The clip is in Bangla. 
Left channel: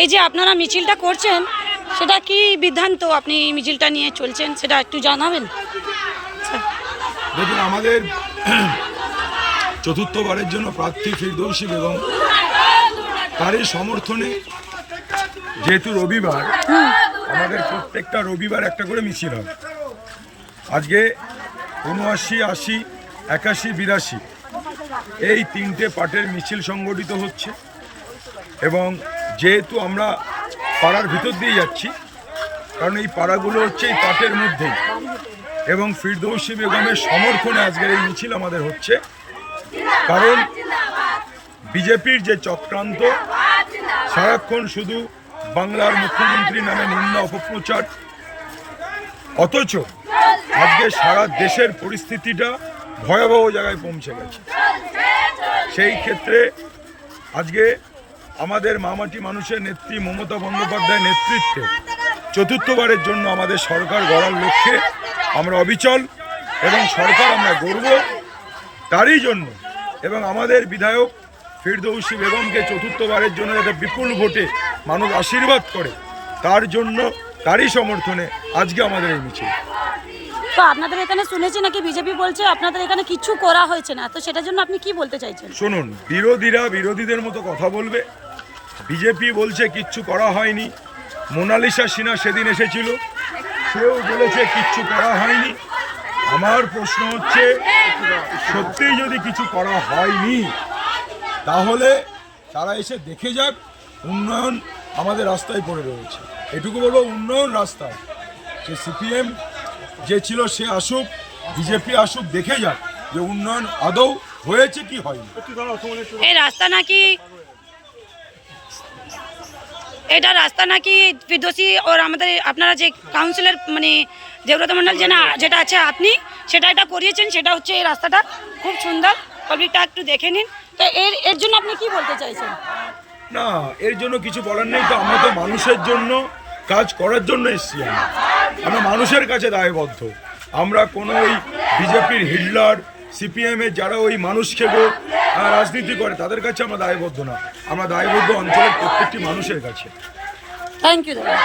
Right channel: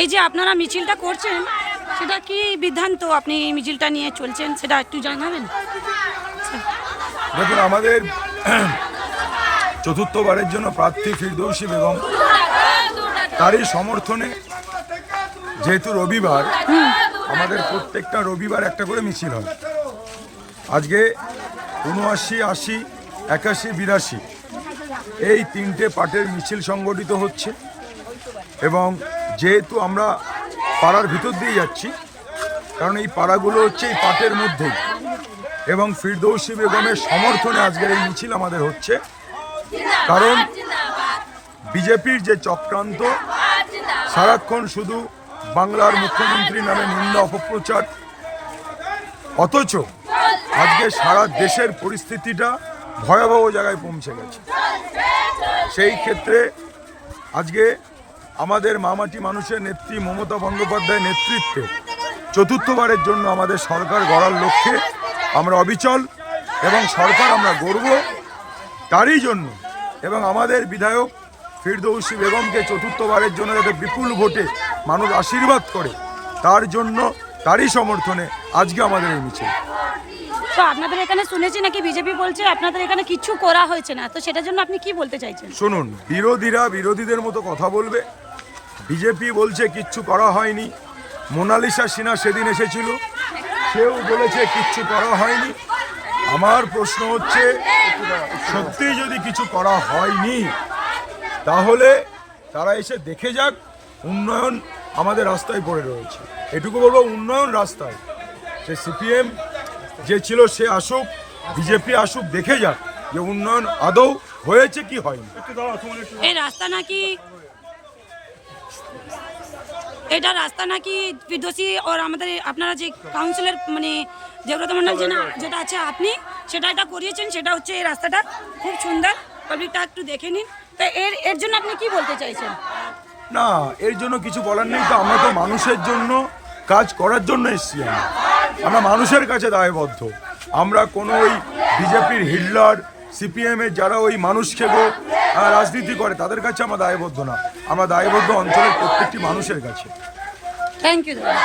এই যে আপনারা মিছিলটা করছেন সেটা কি বিধান্ত আপনি মিছিলটা নিয়ে চলছেন সেটা একটু জানাবেন। দেখুন, আমাদের চতুর্থবারের জন্য প্রার্থী ফিরদৌসী বেগম, তারই সমর্থনে যেহেতু রবিবার, আমাদের প্রত্যেকটা রবিবার একটা করে মিছিল হয়। আজকে ৭৯, ৮০, ৮১, ৮২ এই 3টে পার্টের মিছিল সংগঠিত হচ্ছে এবং যেহেতু আমরা পাড়ার ভিতর দিয়ে যাচ্ছি, কারণ এই পাড়াগুলো হচ্ছে এই পাটের মধ্যেই, এবং ফিরদৌসী বেগমের সমর্থনে আজকের এই মিছিল আমাদের হচ্ছে। কারণ বিজেপির যে চক্রান্ত, সারাক্ষণ শুধু বাংলার মুখ্যমন্ত্রী নামে নিন্দা অপপ্রচার, অথচ আজকে সারা দেশের পরিস্থিতিটা ভয়াবহ জায়গায় পৌঁছে গেছে। সেই ক্ষেত্রে আজকে আমাদের মামাটি মানুষের নেত্রী মমতা বন্দ্যোপাধ্যায়ের নেতৃত্বে চতুর্থবারের জন্য আমাদের সরকার গড়ার লক্ষ্যে আমরা অবিচল, এবং সরকার আমরা গড়ব তারই জন্য, এবং আমাদের বিধায়ক ফিরদৌসী বেগমকে চতুর্থবারের জন্য যাতে বিপুল ভোটে মানুষ আশীর্বাদ করে, তার জন্য, তারই সমর্থনে আজকে আমাদের এই মিছিল। তো আপনাদের এখানে শুনেছি নাকি বিজেপি বলছে আপনাদের এখানে কিছু করা হয়েছে না, তো সেটার জন্য আপনি কি বলতে চাইছেন? শুনুন, বিরোধীরা বিরোধীদের মতো কথা বলবে। বিজেপি বলছে কিচ্ছু করা হয়নি। মোনালিসা সিনহা সেদিন এসেছিল, সেও বলেছে কিচ্ছু করা হয়নি। আমার প্রশ্ন হচ্ছে, সত্যিই যদি কিছু করা হয়নি তাহলে তারা এসে দেখে যাক উন্নয়ন আমাদের রাস্তায় পড়ে রয়েছে। এটুকু বলবো, উন্নয়ন রাস্তায়। সে সিপিএম যে ছিল সে আসুক, বিজেপি আসুক, দেখে যাক যে উন্নয়ন আদৌ হয়েছে কি হয়নি। এই রাস্তা নাকি, এটা রাস্তা নাকি ফিরদৌসী ওর আমাদের আপনারা যে কাউন্সিলর মানে দেবব্রত মণ্ডল যেটা আছে আপনি সেটা এটা করিয়েছেন, সেটা হচ্ছে এই রাস্তাটা খুব সুন্দর, পাবলিকটা একটু দেখে নিন। তো এর জন্য আপনি কি বলতে চাইছেন? না, এর জন্য কিছু বলার নেই। তো আমরা তো মানুষের জন্য কাজ করার জন্য এসেছি। আমরা মানুষের কাছে দায়বদ্ধ। আমরা কোনো ওই বিজেপির হিটলার, সিপিএমের যারা ওই মানুষকে রাজনীতি করে তাদের কাছে আমরা দায়বদ্ধ না। আমরা দায়বদ্ধ অঞ্চলের প্রত্যেকটি মানুষের কাছে। থ্যাংক ইউ দাদা।